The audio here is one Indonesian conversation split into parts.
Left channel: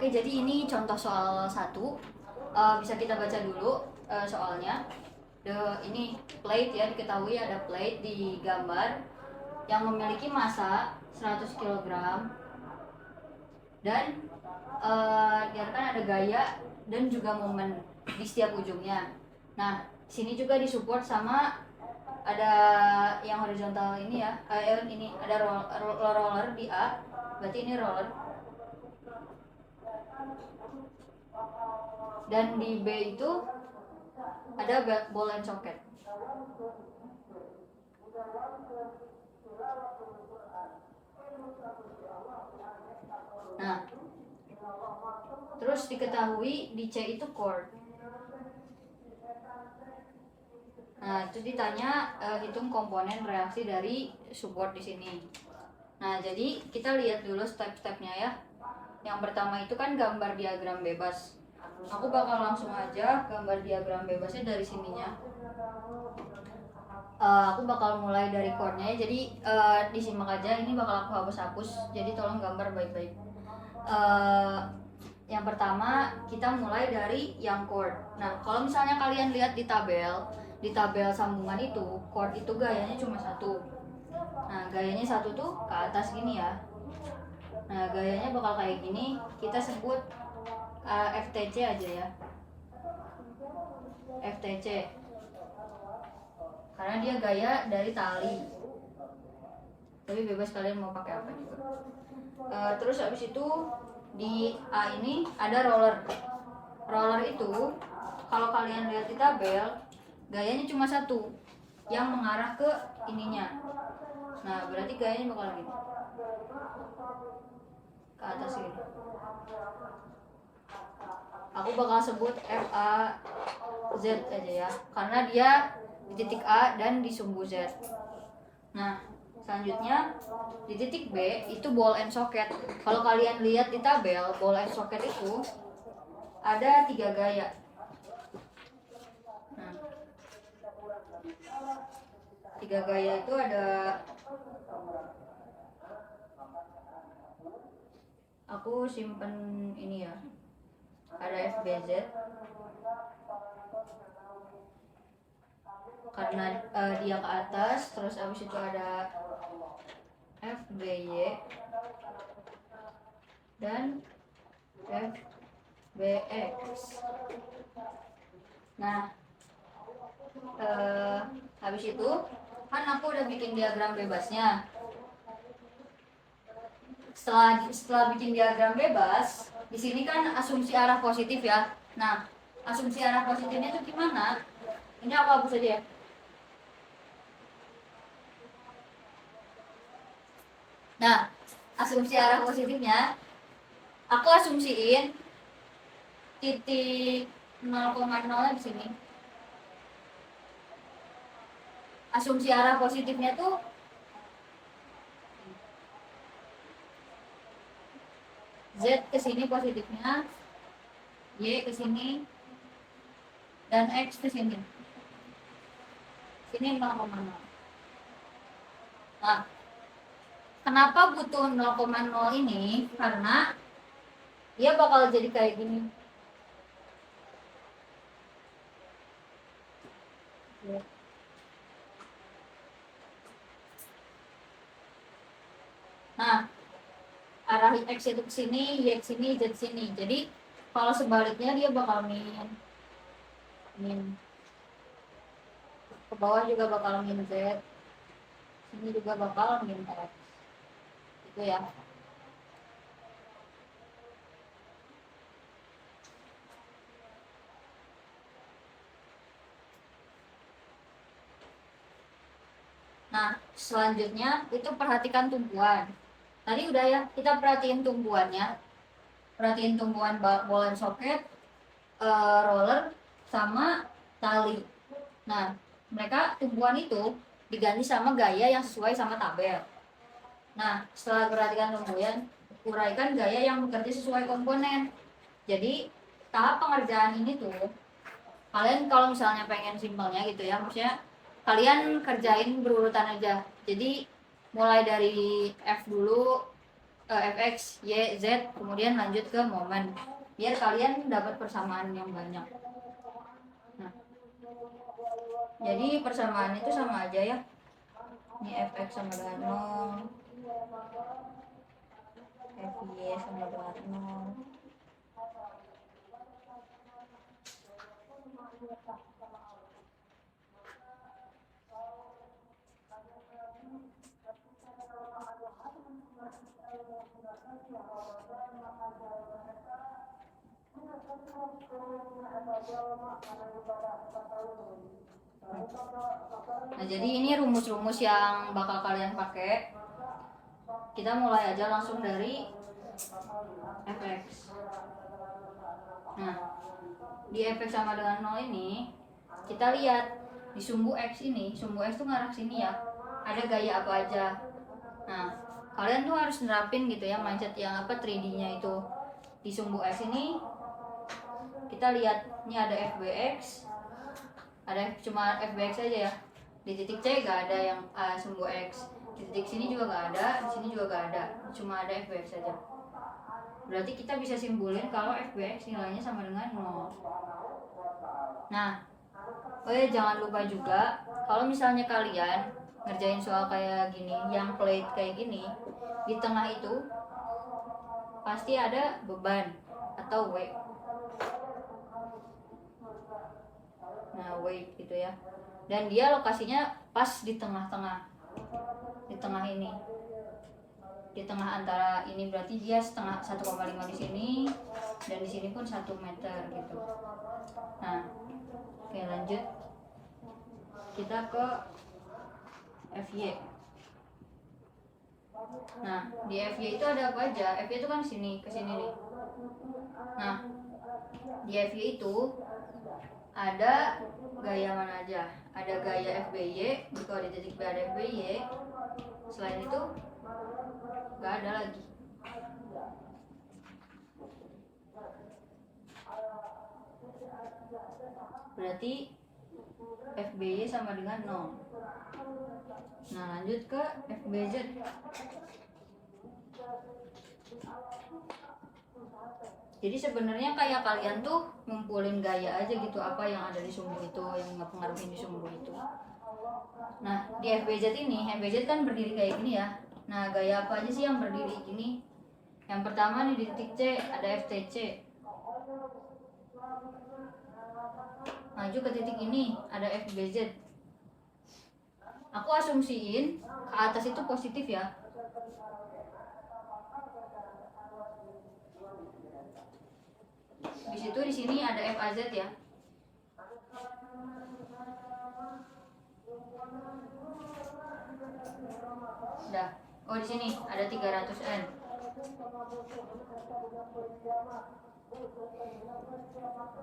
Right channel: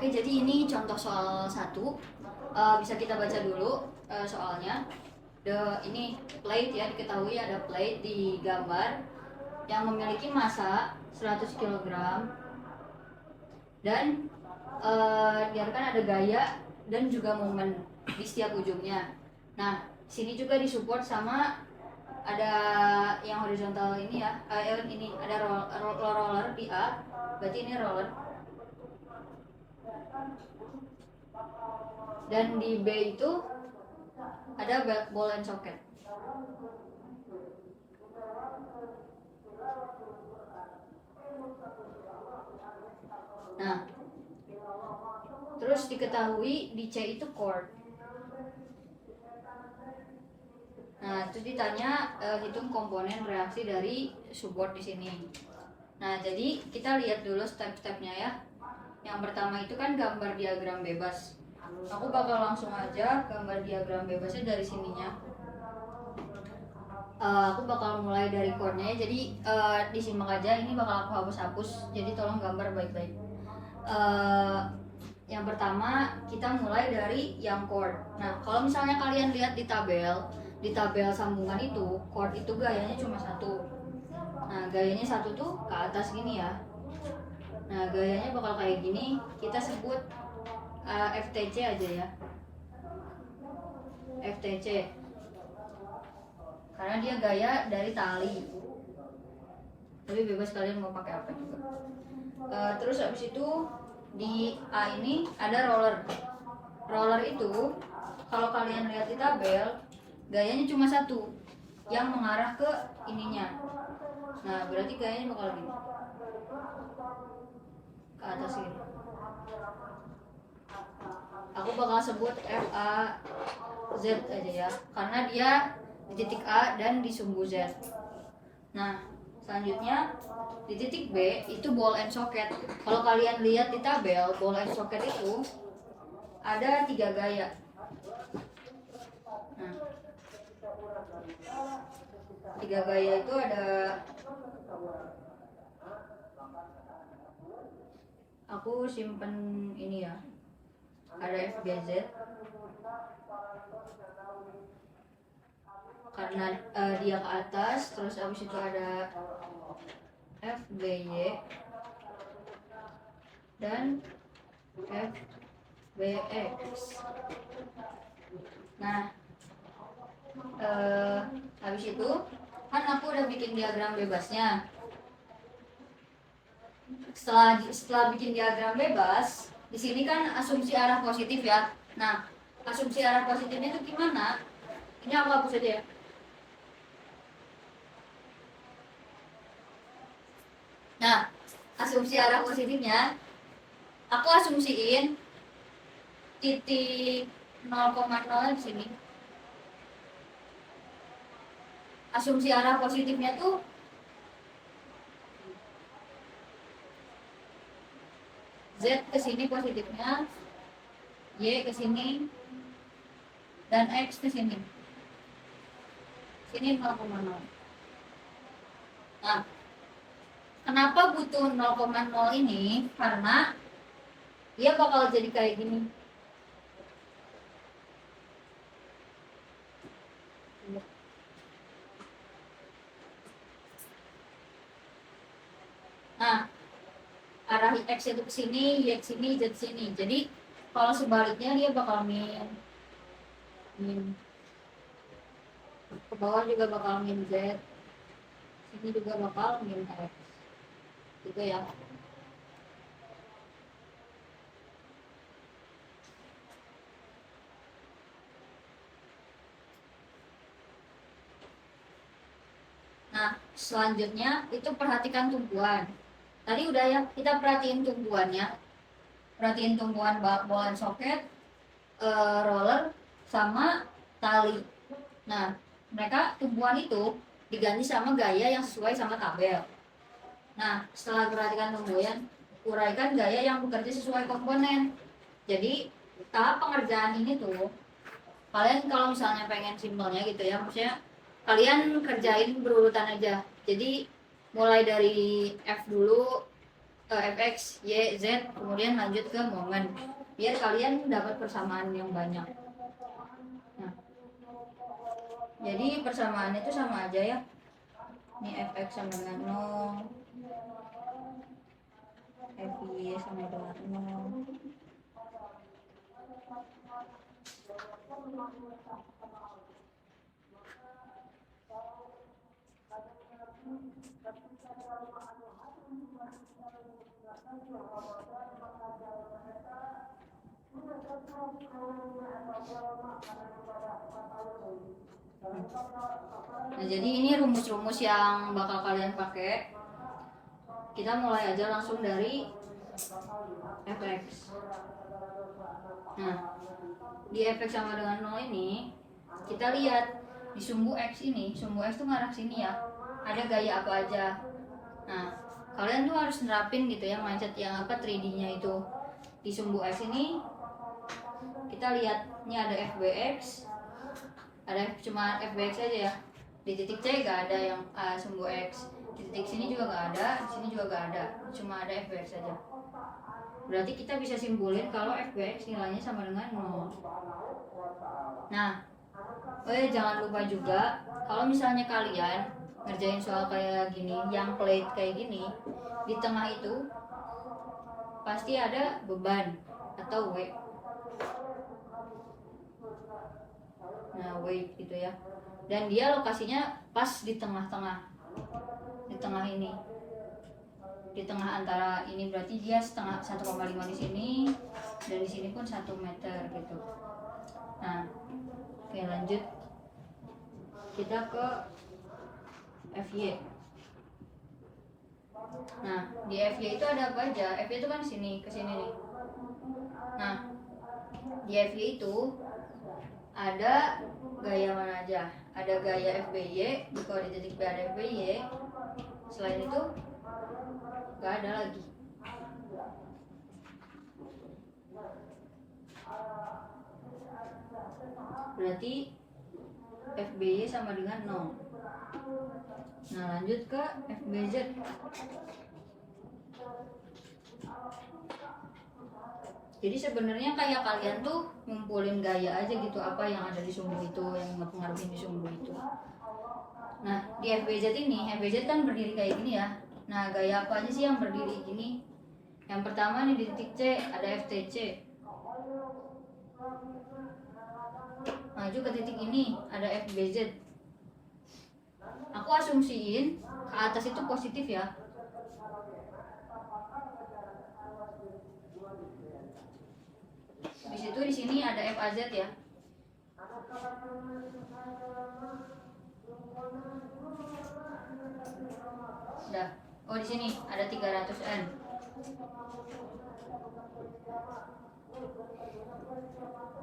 Oke, jadi ini contoh soal 1. Bisa kita baca dulu soalnya. Ini plate ya, diketahui ada plate di gambar yang memiliki massa 100 kg dan diarahkan ada gaya dan juga momen di setiap ujungnya. Nah, sini juga disupport sama ada yang horizontal ini ya, ini ada roller di A, berarti ini roller. Dan di B itu ada ball and socket. Nah, terus diketahui di C itu chord. Nah, terus ditanya hitung komponen reaksi dari support di sini. Nah, jadi kita lihat dulu step-stepnya ya. Yang pertama itu kan gambar diagram bebas. Aku bakal langsung aja gambar diagram bebasnya dari sininya. Aku bakal mulai dari chordnya, jadi disimak aja, ini bakal aku hapus-hapus, jadi tolong gambar baik-baik. Yang pertama kita mulai dari yang chord. Nah, kalau misalnya kalian lihat di tabel sambungan itu, chord itu gayanya cuma satu. Nah, gayanya satu tuh ke atas gini ya. Nah, gayanya bakal kayak gini, kita sebut FTC aja ya, FTC, karena dia gaya dari tali, tapi bebas kalian mau pakai apa juga. Terus habis itu di A ini ada roller itu kalau kalian lihat di tabel gayanya cuma satu yang mengarah ke ininya. Nah, berarti gayanya bakal gini ke atas ini. Aku bakal sebut FAZ aja ya, karena dia di titik A dan di sumbu Z. Nah, selanjutnya di titik B itu ball and socket. Kalau kalian lihat di tabel, ball and socket itu ada 3 gaya. Nah, 3 gaya itu ada, aku simpen ini ya, ada FBZ karena dia ke atas, terus abis itu ada FBY dan FBX. Nah, habis itu kan aku udah bikin diagram bebasnya. Setelah bikin diagram bebas, di sini kan asumsi arah positif ya. Nah, asumsi arah positifnya itu gimana? Ini aku hapus aja ya. Nah, asumsi arah positifnya, aku asumsiin titik 0,0 di sini. Asumsi arah positifnya tuh Z ke sini positifnya, Y ke sini, dan X ke sini. Sini 0,0. Nah, kenapa butuh 0,0 ini? Karena dia bakal jadi kayak gini. Nah, arah X itu ke sini, Y ke sini, Z ke sini. Jadi kalau sebaliknya dia bakal min. Ke bawah juga bakal min Z. Sini juga bakal min X. Gitu ya. Nah, selanjutnya itu perhatikan tumpuan. Tadi udah ya, kita perhatiin tumpuannya. Perhatiin tumpuan ball and socket, roller, sama tali. Nah, mereka tumpuan itu diganti sama gaya yang sesuai sama tabel. Nah, setelah perhatikan tumpuan, uraikan gaya yang bekerja sesuai komponen. Jadi, tahap pengerjaan ini tuh, kalian kalau misalnya pengen simpelnya gitu ya, maksudnya kalian kerjain berurutan aja. Jadi mulai dari F dulu, fx, y, z, kemudian lanjut ke momen, biar kalian dapat persamaan yang banyak. Nah, jadi persamaan itu sama aja ya. Ini fx sama dengan 0, fy sama dengan 0. Nah, jadi ini rumus-rumus yang bakal kalian pakai. Kita mulai aja langsung dari fx. Nah, di fx sama dengan 0 ini, kita lihat di sumbu x ini, sumbu x tuh ngarah sini ya. Ada gaya apa aja. Nah, kalian tuh harus nerapin gitu ya mindset yang apa 3D-nya itu. Di sumbu x ini kita lihat ini ada fbx, ada cuma fbx aja ya. Di titik c gak ada yang sumbu x, di titik sini juga gak ada, di sini juga gak ada, cuma ada fbx aja. Berarti kita bisa simpulin kalau fbx nilainya sama dengan 0. Nah, jangan lupa juga kalau misalnya kalian ngerjain soal kayak gini, yang plate kayak gini, di tengah itu pasti ada beban atau weight. Nah, weight gitu ya. Dan dia lokasinya pas di tengah-tengah. Di tengah ini. Di tengah antara ini berarti dia setengah 1,5 di sini dan di sini pun 1 meter gitu. Nah, oke lanjut. Kita ke FY. Nah, di FY itu ada apa aja? FY itu kan sini, ke sini nih. Nah, di FY itu ada gaya mana aja? Ada gaya FBY, kalau di titik B ada FBY. Selain itu gak ada lagi. Berarti FBY sama dengan 0. Nah, lanjut ke FBZ. Jadi sebenarnya kayak kalian tuh ngumpulin gaya aja gitu, apa yang ada di sumbu itu, yang ngepengaruhi di sumbu itu. Nah, di FBZ ini, FBZ kan berdiri kayak gini ya. Nah, gaya apa aja sih yang berdiri gini? Yang pertama nih di titik C ada FTC. Maju ke titik ini ada FBZ. Aku asumsiin ke atas itu positif ya. Di situ di sini ada FAZ ya. Udah. Oh, di sini ada 300N.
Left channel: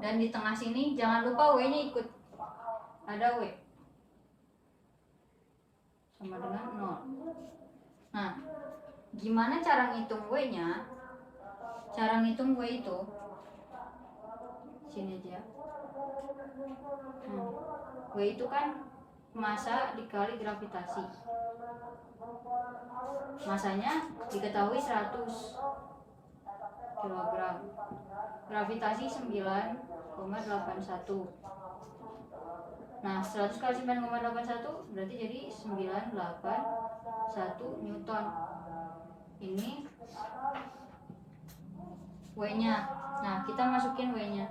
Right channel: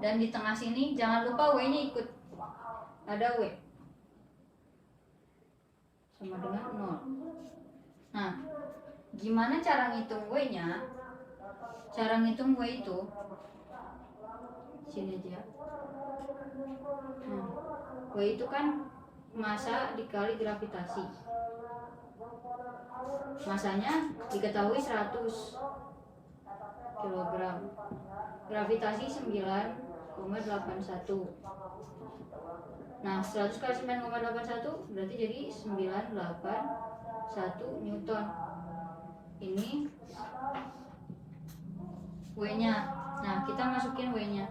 Dan di tengah sini jangan lupa W-nya ikut. Ada W. Sama dengan 0. Nah, gimana cara ngitung W-nya? Cara ngitung W itu sini aja. W itu kan massa dikali gravitasi. Masanya diketahui 100 kg. Gravitasi 9,81. Nah, 100 kali 9,81 berarti jadi 981 Newton. Ini W-nya. Nah, kita masukin W-nya.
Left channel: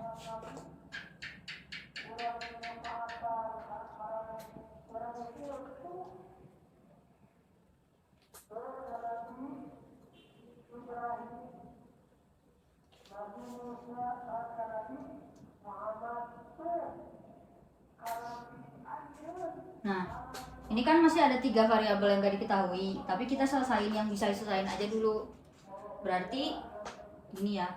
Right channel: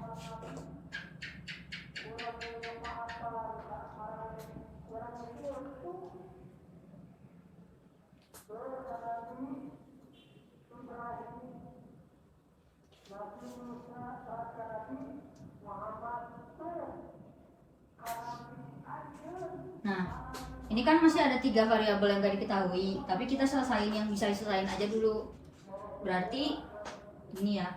Nah, ini kan masih ada 3 variabel yang gak diketahui, tapi kita selesain yang bisa diselesain aja dulu. Berarti ini ya.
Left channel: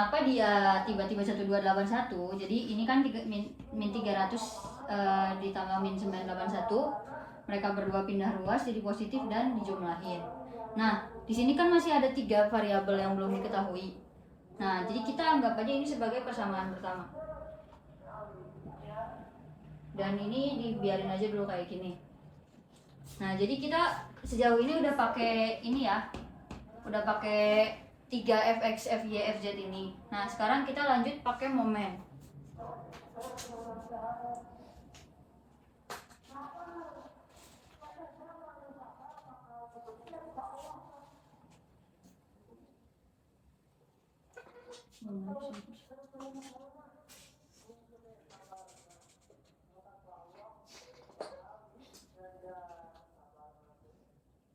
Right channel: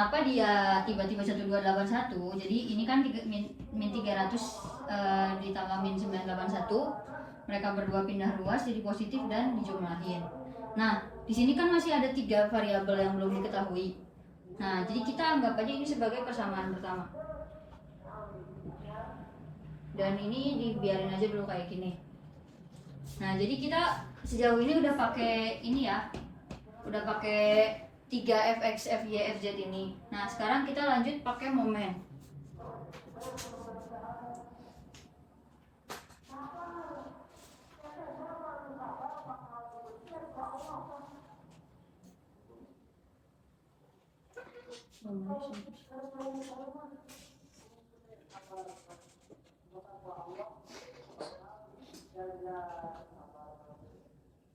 Kenapa dia tiba-tiba 1281? Jadi ini kan min 300 ditambah min 981. Mereka berdua pindah ruas jadi positif dan dijumlahin. Nah, di sini kan masih ada 3 variabel yang belum diketahui. Nah, jadi kita anggap aja ini sebagai persamaan pertama. Dan ini dibiarin aja dulu kayak gini. Nah, jadi kita sejauh ini udah pakai ini ya. Udah pakai 3 fx, fy, fz ini. Nah, sekarang kita lanjut pakai momen.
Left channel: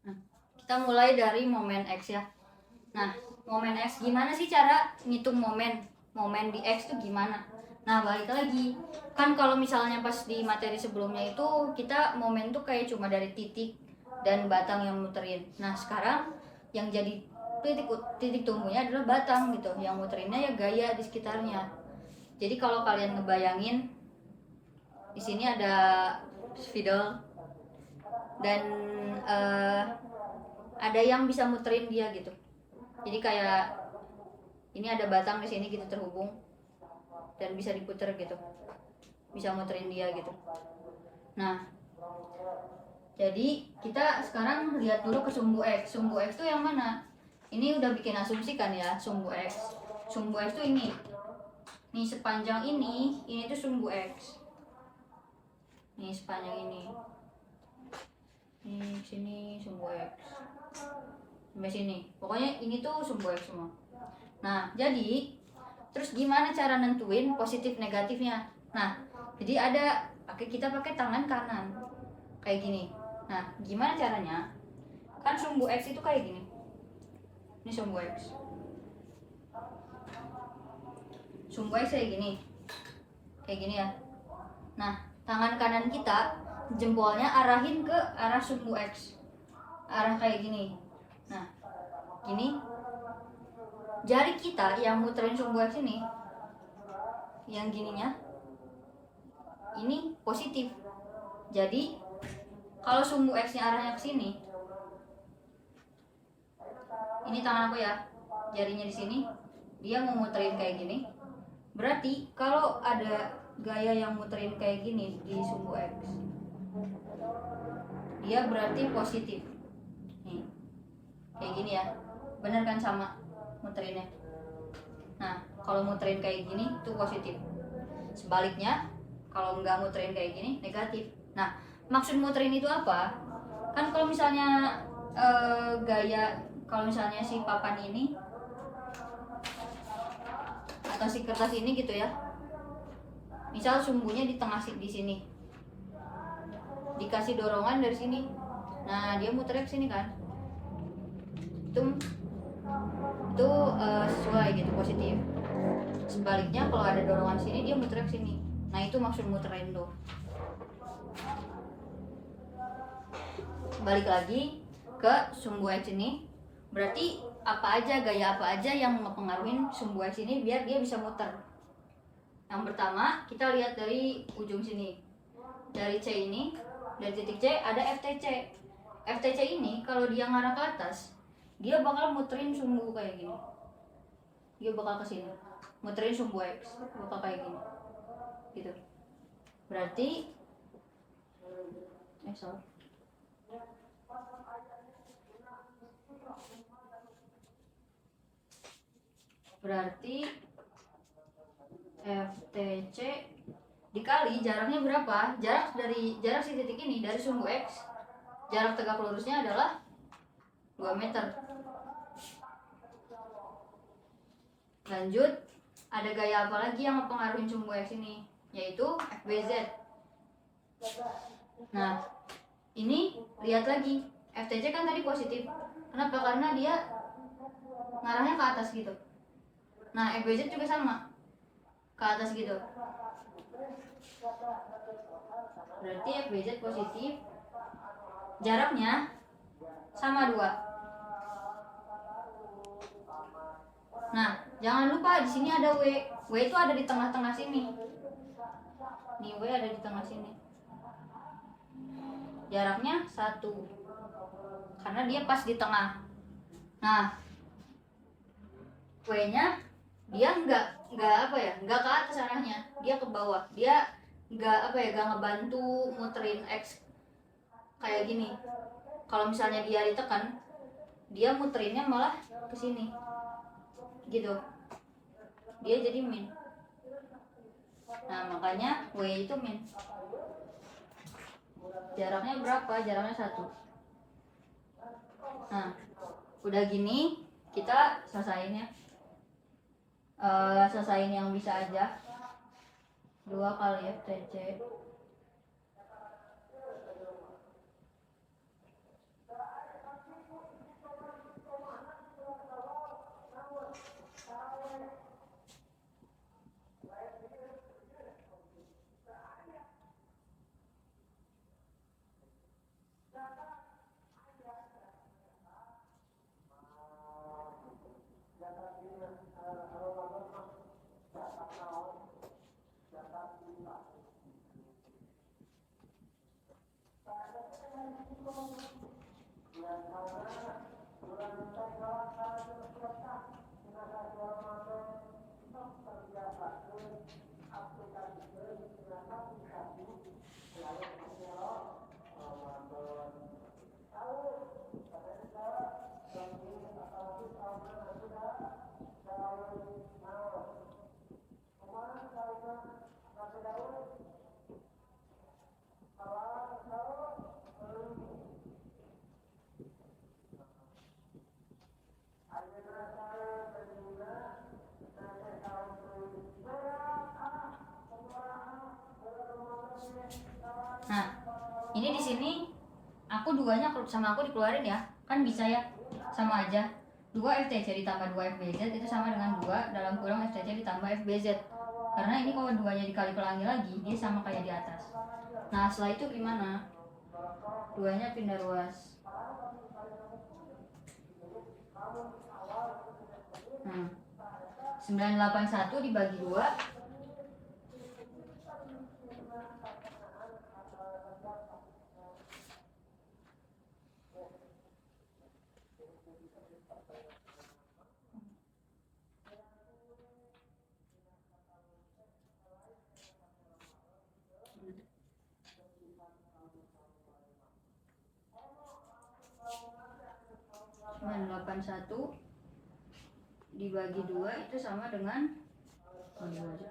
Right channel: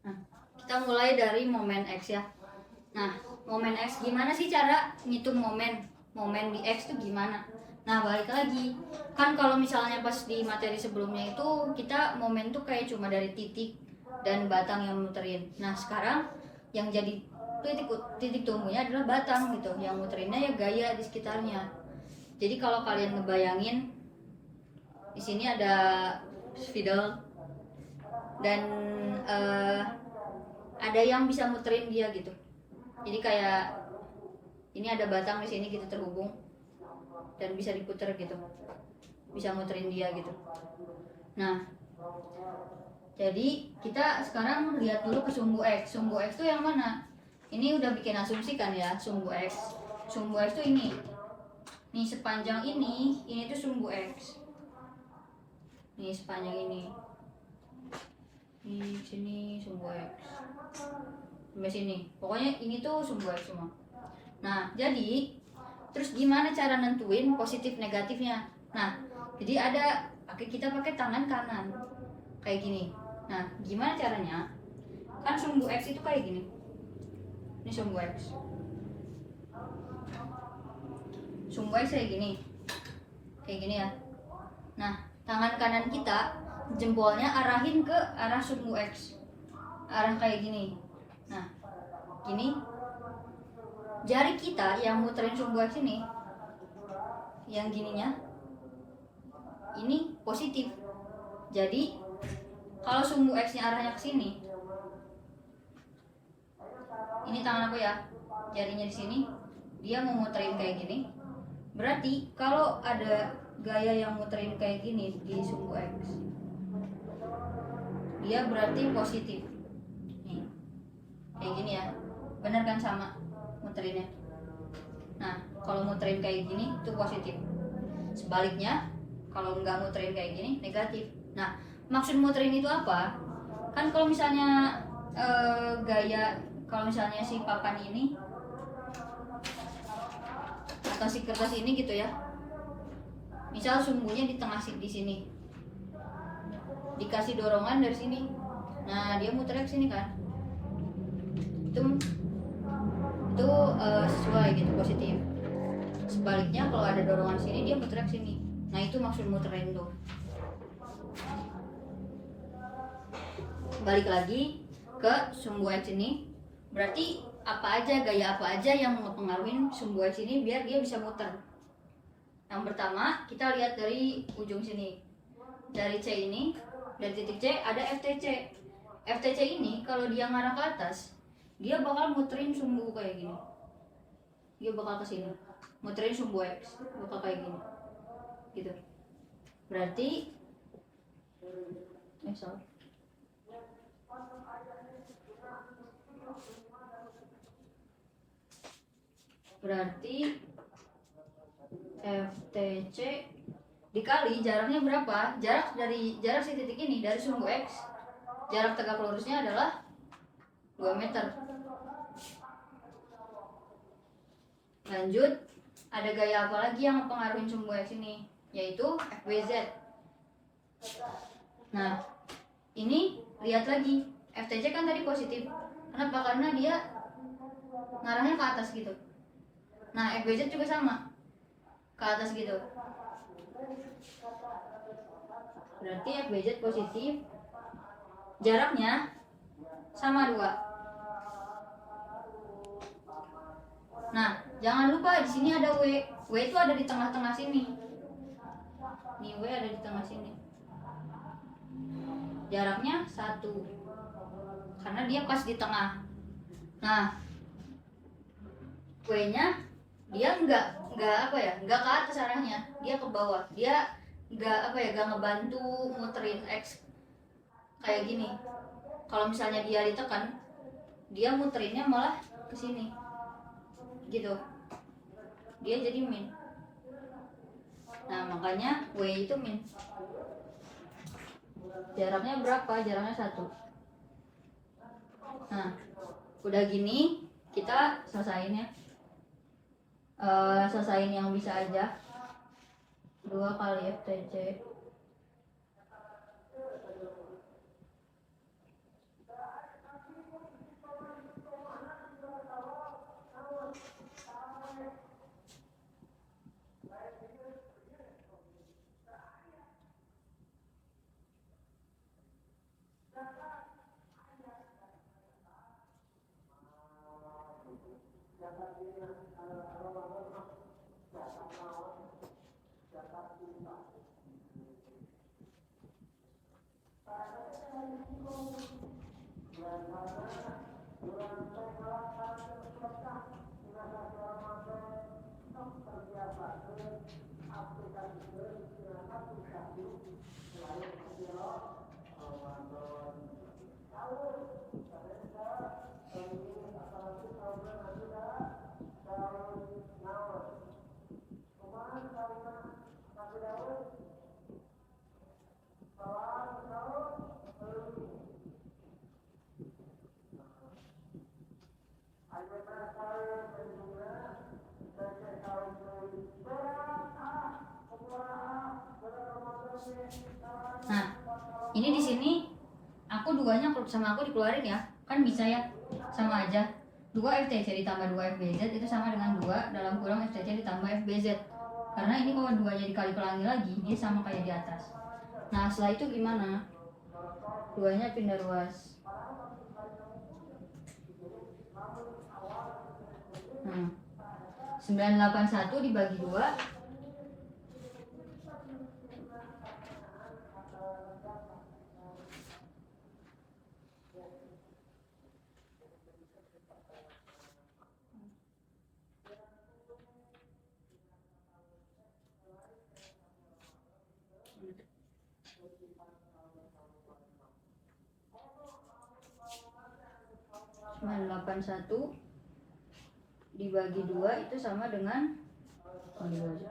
Nah, kita mulai dari momen X ya. Nah, momen X gimana sih cara ngitung momen? Momen di X itu gimana? Nah, balik lagi. Kan kalau misalnya pas di materi sebelumnya itu kita momen tuh kayak cuma dari titik dan batang yang muterin. Nah, sekarang yang jadi titik tumbuhnya adalah batang gitu. Yang muterinnya ya gaya di sekitarnya. Jadi kalau kalian ngebayangin di sini ada spidol dan ada yang bisa muterin dia gitu. Jadi kayak ini ada batang di sini gitu terhubung dan bisa diputer gitu, bisa muterin dia gitu. Nah, jadi kita sekarang lihat dulu ke sumbu X. Sumbu X itu yang mana? Ini udah bikin asumsi kan ya, sumbu X. Sumbu X itu ini. Nih sepanjang ini tuh sumbu X. Nih sepanjang ini. Nih sini sumbu X. Sampai sini. Pokoknya ini tuh sumbu X semua. Nah, jadi terus gimana cara nentuin positif negatifnya? Nah, jadi kita pakai tangan kanan. Kayak gini. Nah, gimana caranya? Kan sumbu X itu kayak gini. Ini sumbu X. Sumbu X kayak gini. Kayak gini ya. Nah, tangan kanan kita jempolnya arahin ke arah sumbu X. Arah kayak gini. Nah, gini. Jari kita yang muterin sumbu X ini, yang gininya, ini positif. Jadi kalau sumbu X-nya arahnya ke sini, ini tangan aku ya, jarinya di sini, dia mau muterin kayak gini. Berarti kalau ada gaya yang muterin kayak gini di sumbu X, dia berarti positif. Nih, kayak gini ya, bener kan sama muterinnya. Nah, kalau muterin kayak gini itu positif. Sebaliknya, kalau nggak muterin kayak gini negatif. Nah, maksud muterin itu apa? Kan kalau misalnya gaya, kalau misalnya si papan ini atau si kertas ini gitu ya, misal sumbunya di tengah di sini, dikasih dorongan dari sini, nah dia muter ke sini kan, itu sesuai gitu, positif. Sebaliknya kalau ada dorongan sini dia muter ke sini, nah itu maksud muterin tuh. Balik lagi ke sumbu X ini, berarti gaya apa aja yang mempengaruhi sumbu X ini biar dia bisa muter. Yang pertama kita lihat dari ujung sini, dari C ini, dari titik C ada FTC. FTC ini kalau dia ngarah ke atas, dia bakal muterin sumbu kayak gini. Dia bakal ke sini, muterin sumbu X, bakal kayak gini. Gitu. Berarti berarti FTC dikali jaraknya berapa? Jarak si titik ini dari sumbu X, jarak tegak lurusnya adalah 2 meter. Lanjut, ada gaya apa lagi yang mempengaruhi sumbu X ini? Yaitu FBZ. Nah, ini lihat lagi, FTC kan tadi positif. Kenapa? Karena dia ngarahnya ke atas gitu. Nah, FBZ juga sama, ke atas gitu. Berarti FBZ positif, jaraknya sama 2. Nah, Jangan lupa di sini ada W. W itu ada di tengah-tengah sini. Nih W ada di tengah sini. Jaraknya 1. Karena dia pas di tengah. Nah, W-nya dia nggak apa ya, nggak ke atas arahnya, dia ke bawah. Dia nggak apa ya, nggak ngebantu muterin X kayak gini. Kalau misalnya dia ditekan, dia muterinnya malah ke sini gitu, dia jadi min. Nah makanya W itu min. Jaraknya berapa? Jaraknya 1. Nah udah gini kita selesain ya. Selesain yang bisa aja. 2 kali FTC. Nah, ini di sini aku duanya sama aku dikeluarin ya, kan bisa ya, sama aja. 2 FTC ditambah 2 FBZ itu sama dengan 2 dalam kurung FTC ditambah FBZ. Karena ini kalau duanya dikali pelangi lagi, ini sama kayak di atas. Nah, setelah itu gimana? Duanya pindah ruas. 981 dibagi 2 981 dibagi 2 itu sama dengan 2 aja.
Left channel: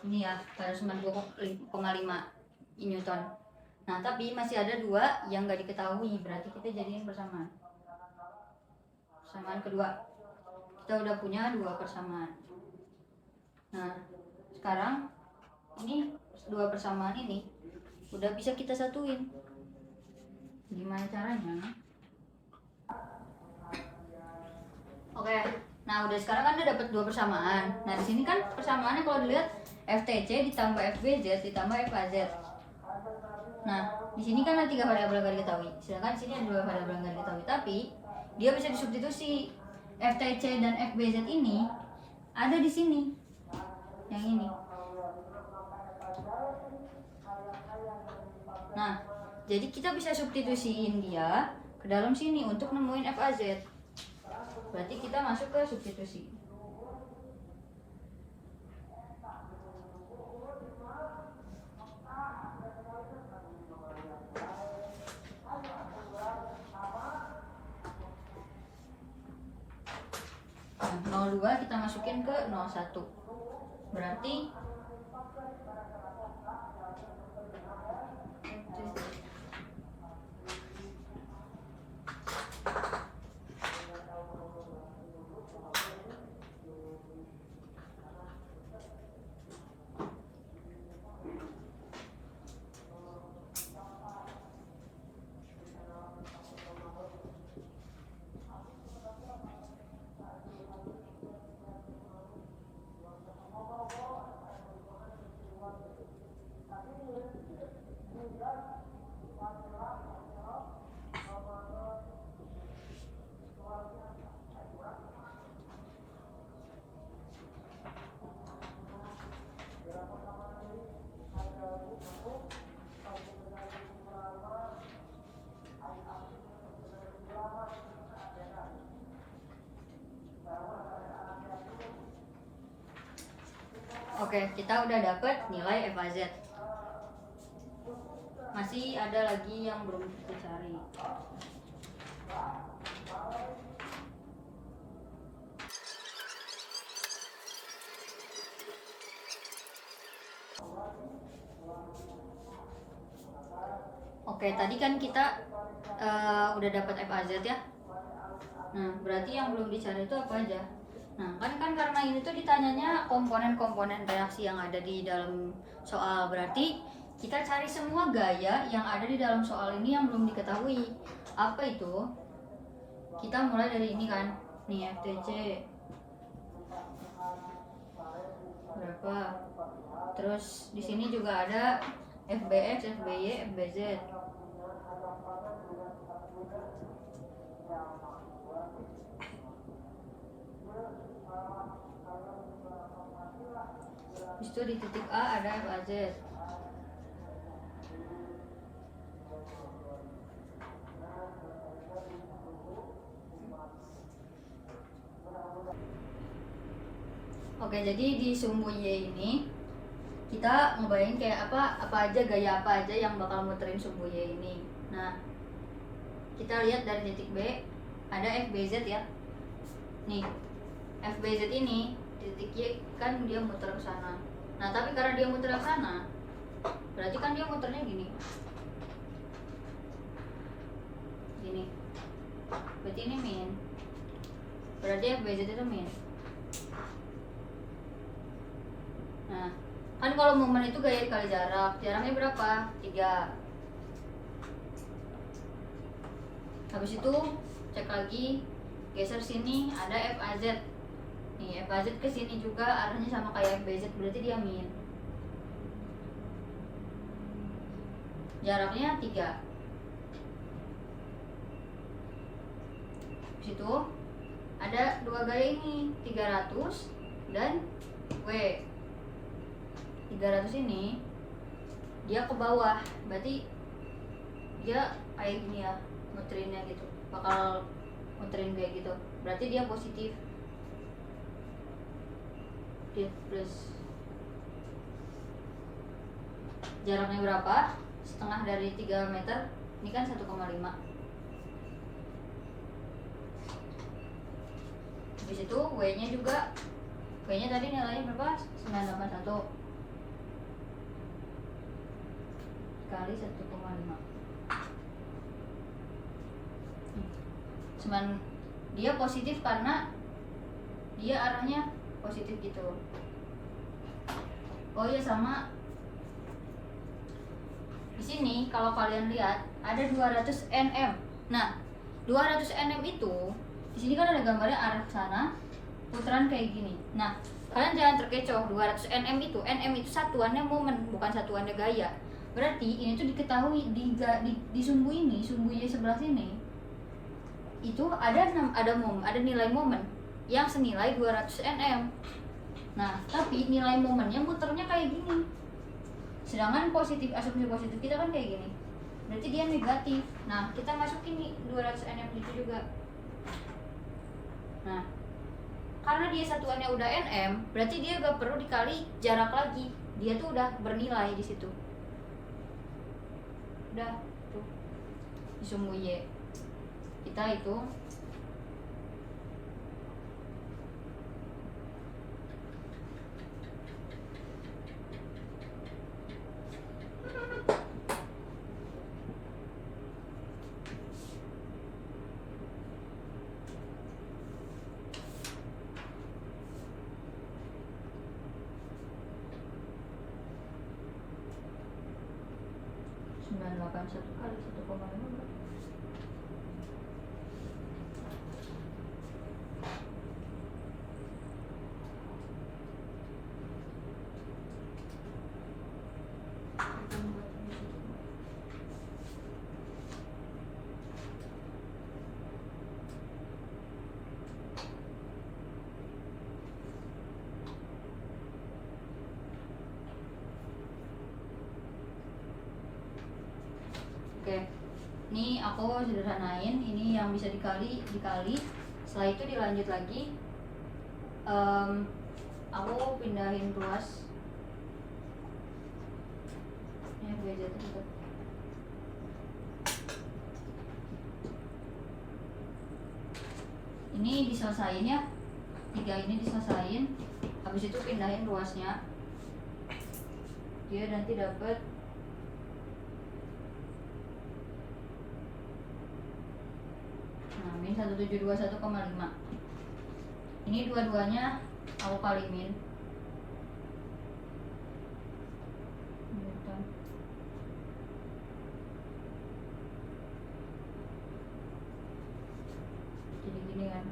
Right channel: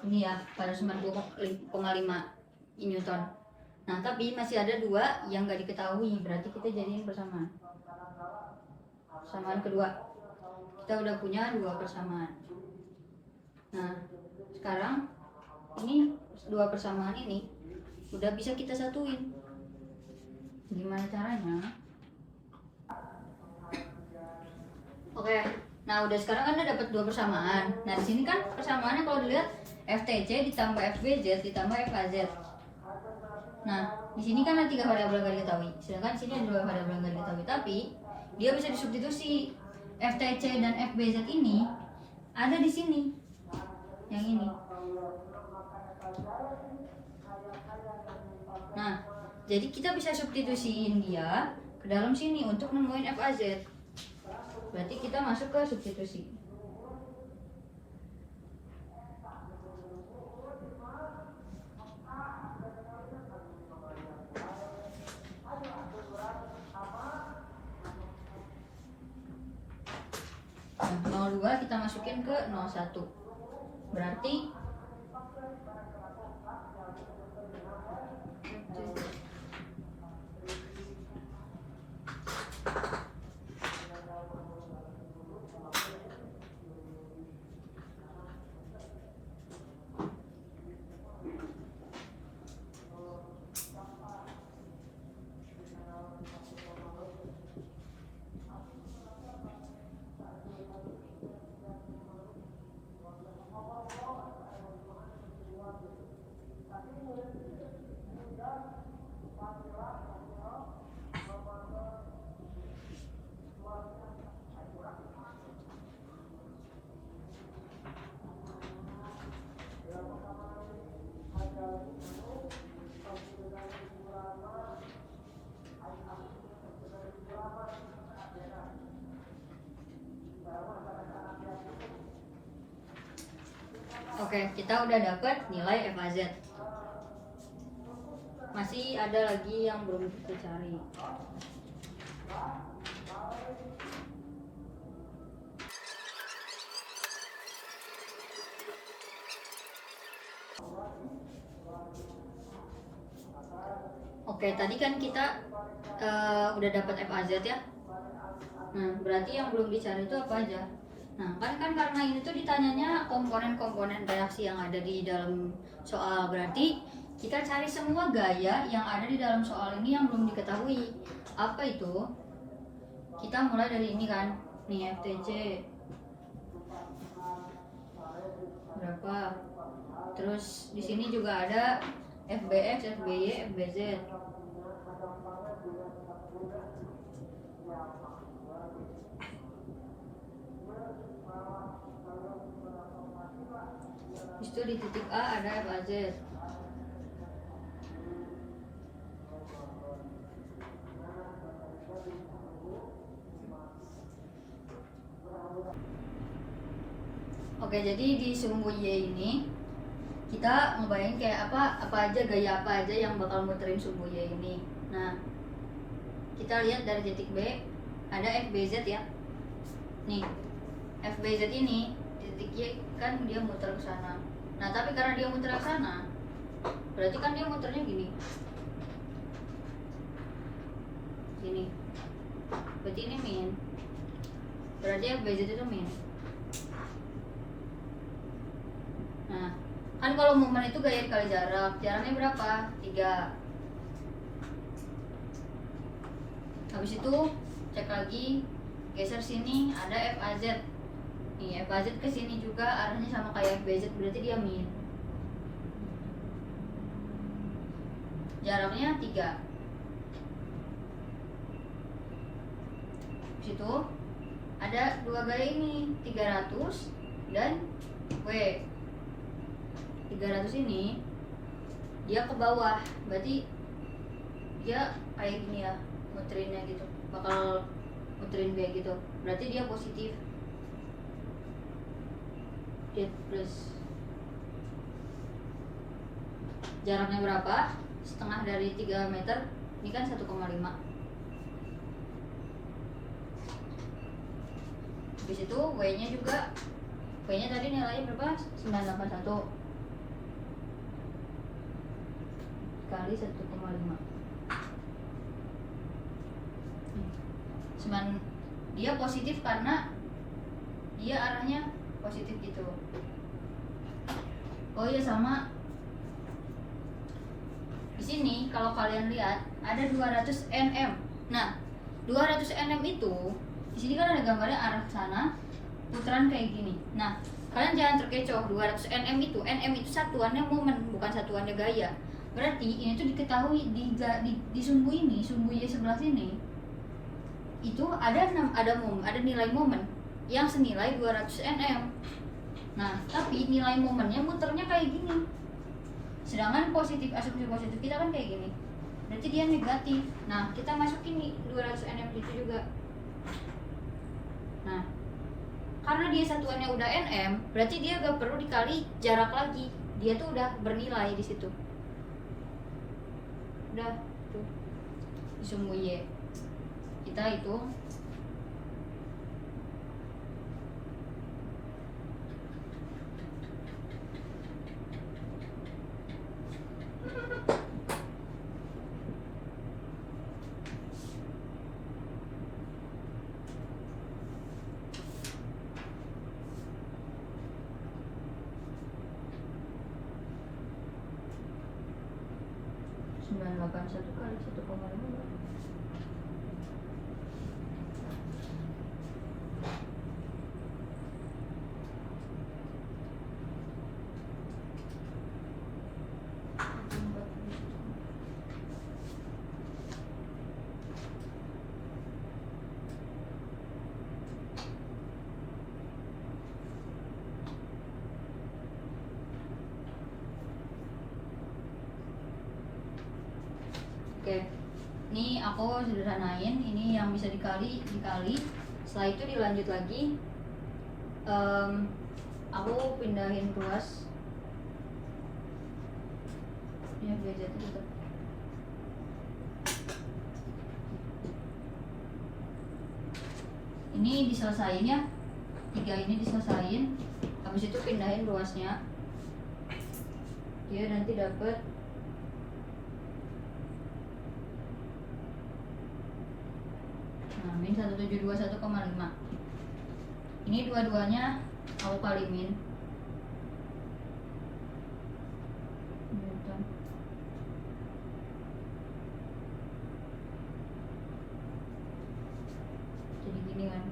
Ini ya pada 90,5 Newton. Nah tapi masih ada 2 yang nggak diketahui, berarti kita jadiin persamaan. Persamaan kedua, kita udah punya 2 persamaan. Nah sekarang ini 2 persamaan ini udah bisa kita satuin. Gimana caranya? Oke, nah udah sekarang kan udah dapat 2 persamaan. Nah di sini kan persamaannya kalau dilihat FTC ditambah FBZ ditambah FAZ. Nah di sini kan ada 3 variabel nggak diketahui, sedangkan di sini ada 2 variabel nggak diketahui. Tapi dia bisa disubstitusi. FTC dan FBZ ini ada di sini, yang ini. Nah jadi kita bisa substitusiin dia ke dalam sini untuk nemuin FAZ. Berarti kita masuk ke substitusi. Nah, 02 kita masukin ke 01. Berarti Oke, kita udah dapet nilai FAZ. Masih ada lagi yang belum kita cari. Oke, tadi kan kita udah dapat FAZ ya. Nah, berarti yang belum dicari itu apa aja? Nah, kan karena ini tuh ditanyanya komponen-komponen reaksi yang ada di dalam soal. Berarti kita cari semua gaya yang ada di dalam soal ini yang belum diketahui. Apa itu? Kita mulai dari ini kan. Nih, FTC. Berapa? Terus di sini juga ada FBX, FBY, FBZ. Itu di titik A ada FAZ. Oke, jadi di sumbu Y ini kita ngebayangin kayak apa aja, gaya apa aja yang bakal muterin sumbu Y ini. Nah, kita lihat dari titik B ada FBZ ya. Nih, FBZ ini titik Y kan dia muter ke sana. Nah, tapi karena dia muter ke sana, berarti kan dia muternya gini. Gini. Berarti ini min. Berarti FBZ itu min. Nah, kan kalau momen itu gaya dikali jarak. Jaraknya berapa? 3. Habis itu cek lagi, geser sini ada FAZ. Nih, FAZ ke sini juga arahnya sama kayak FBZ, berarti dia min. Jaraknya 3. Situ ada dua gaya ini, 300 dan W. 300 ini dia ke bawah, berarti dia kayak gini ya, muterinnya gitu, bakal muterin kayak gitu, berarti dia positif. Dia plus. Jaraknya berapa? Setengah dari 3 meter. Ini kan 1,5. Habis itu W nya juga, W nya tadi nilainya berapa? 981 kali 1,5. Dia positif karena dia arahnya positif gitu. Oh iya, sama di sini kalau kalian lihat ada 200 nm. Nah, 200 nm itu di sini kan ada gambarnya arah sana, putaran kayak gini. Nah, kalian jangan terkecoh. 200 nm itu satuannya momen, bukan satuannya gaya. Berarti ini tuh diketahui di sumbu ini, sumbu Y sebelah sini itu ada nilai momen yang senilai 200 nm. Nah, tapi nilai momennya muternya kayak gini. Sedangkan asumsi positif kita kan kayak gini. Berarti dia negatif. Nah, kita masukin nih 200 nm itu juga. Nah, karena dia satuannya udah nm, berarti dia gak perlu dikali jarak lagi. Dia tuh udah bernilai di situ. Udah tuh di sumbu Y kita hitung. Satu kali 1,5. Oke, ini aku sederhanain. Ini yang bisa dikali. Setelah itu dilanjut lagi. Aku pindahin kelas FBZ itu. Ini diselesain ya, 3 ini diselesain, habis itu pindahin ruasnya, dia nanti dapat min 1721,5. Ini dua-duanya aku kali min Newton. Jadi gini kan.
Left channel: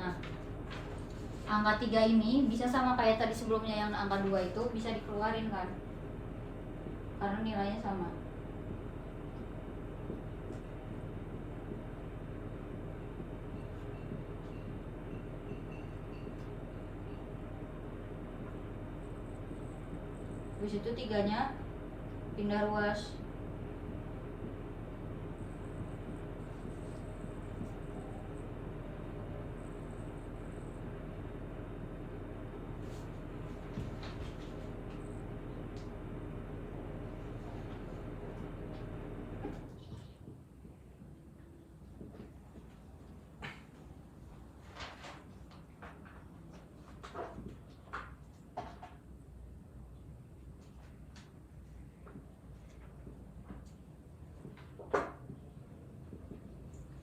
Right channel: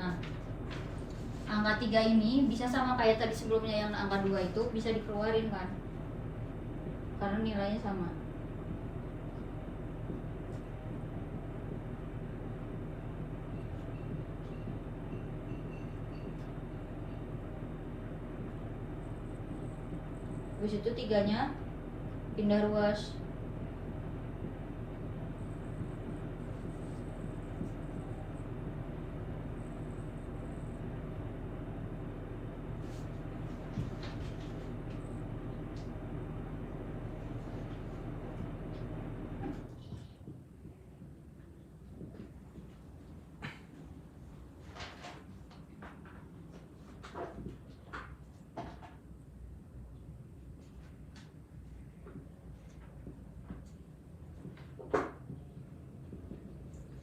Nah, angka 3 ini bisa sama kayak tadi sebelumnya yang angka 2 itu bisa dikeluarin kan, karena nilainya sama. Habis itu 3-nya pindah ruas.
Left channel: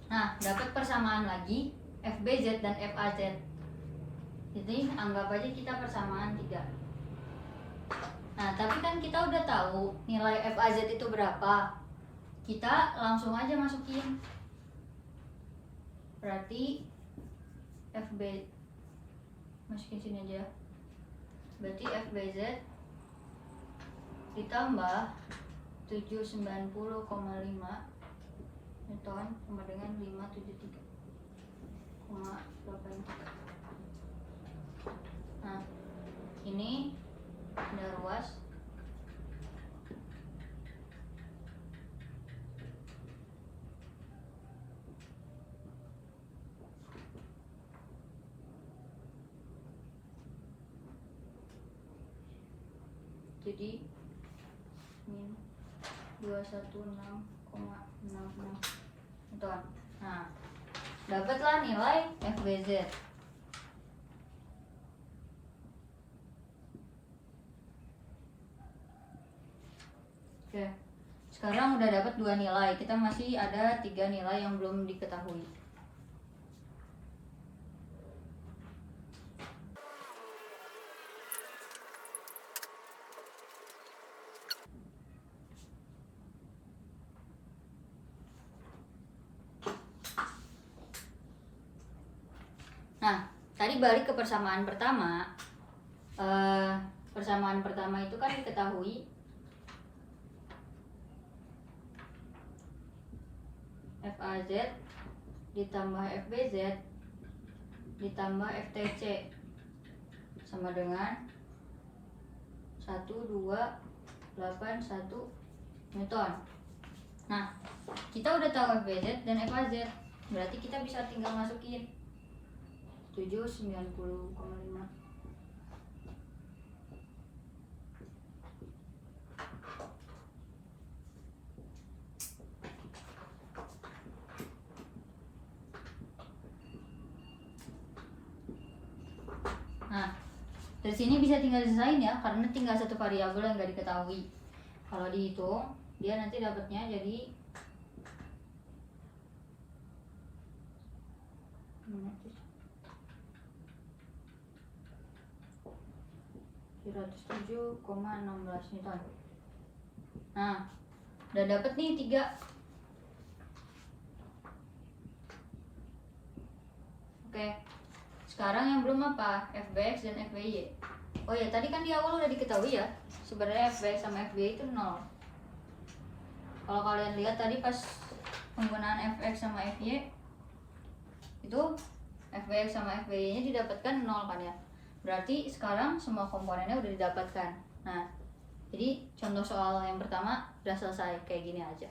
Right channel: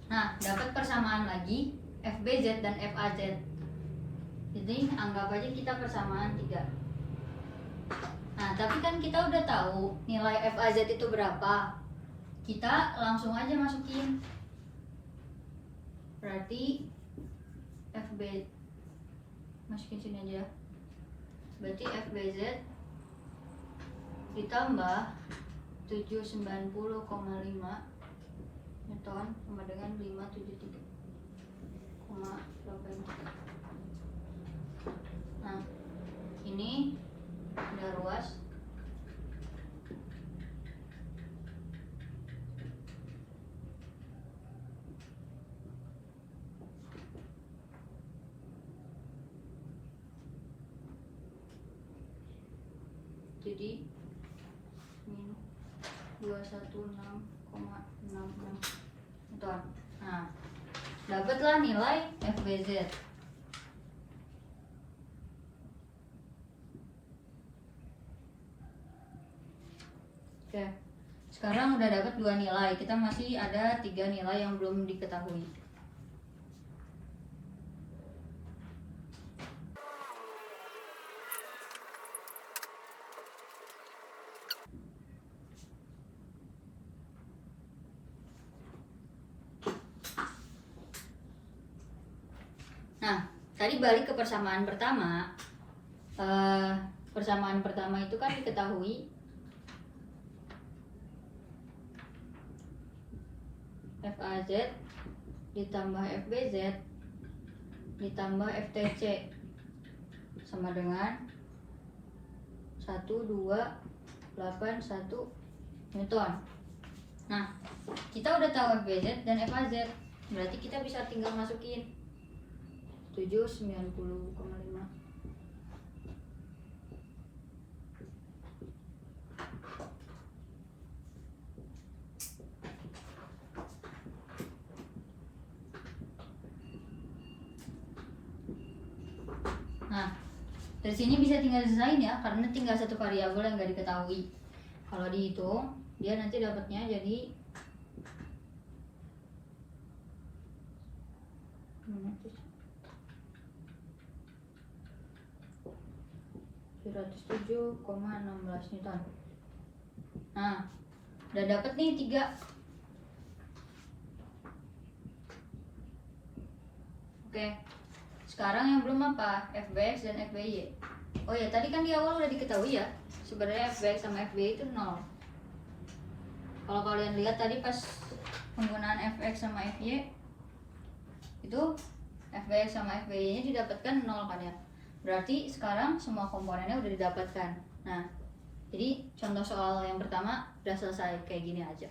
Nah, dapat persamaan lagi FBZ dan FAZ. Jadi anggap aja kita persamaan 3. Nah, tapi kan kita udah tahu nilai FAZ itu berapa. Kita langsung aja masukin. Berarti FB masukin sini aja. Berarti FBZ ditambah 790,5 Newton sama dengan 573,8. Nah, ini ada ruas. Jadi min 216,66 Newton. Nah, dapatlah nilai FBZ. Oke, sekarang udah dapat 2 nilai. Kita masih ada 3 nilai yang belum diketahui. Nah, tadi balik ke persamaan pertama. Persamaan pertama itu kan diketahui FAZ ditambah FBZ ditambah FTC sama dengan 1281 Newton. Nah, kita udah tahu FBZ dan FAZ, berarti kita bisa tinggal masukin 790,5. Nah, dari sini bisa tinggal diselesain ya, karena tinggal satu variabel yang nggak diketahui. Kalau dihitung, dia nanti dapatnya jadi 307,16 Newton. Nah, udah dapet nih 3. Oke, sekarang yang belum apa? FBX dan FBY. Oh ya, tadi kan di awal udah diketahui ya, sebenarnya FBX sama FBY itu 0. Kalau kalian lihat tadi pas penggunaan FX sama FY, itu FBX sama FBY nya didapatkan 0 kan ya. Berarti sekarang semua komponennya udah didapatkan. Nah, jadi contoh soal yang pertama udah selesai, kayak gini aja.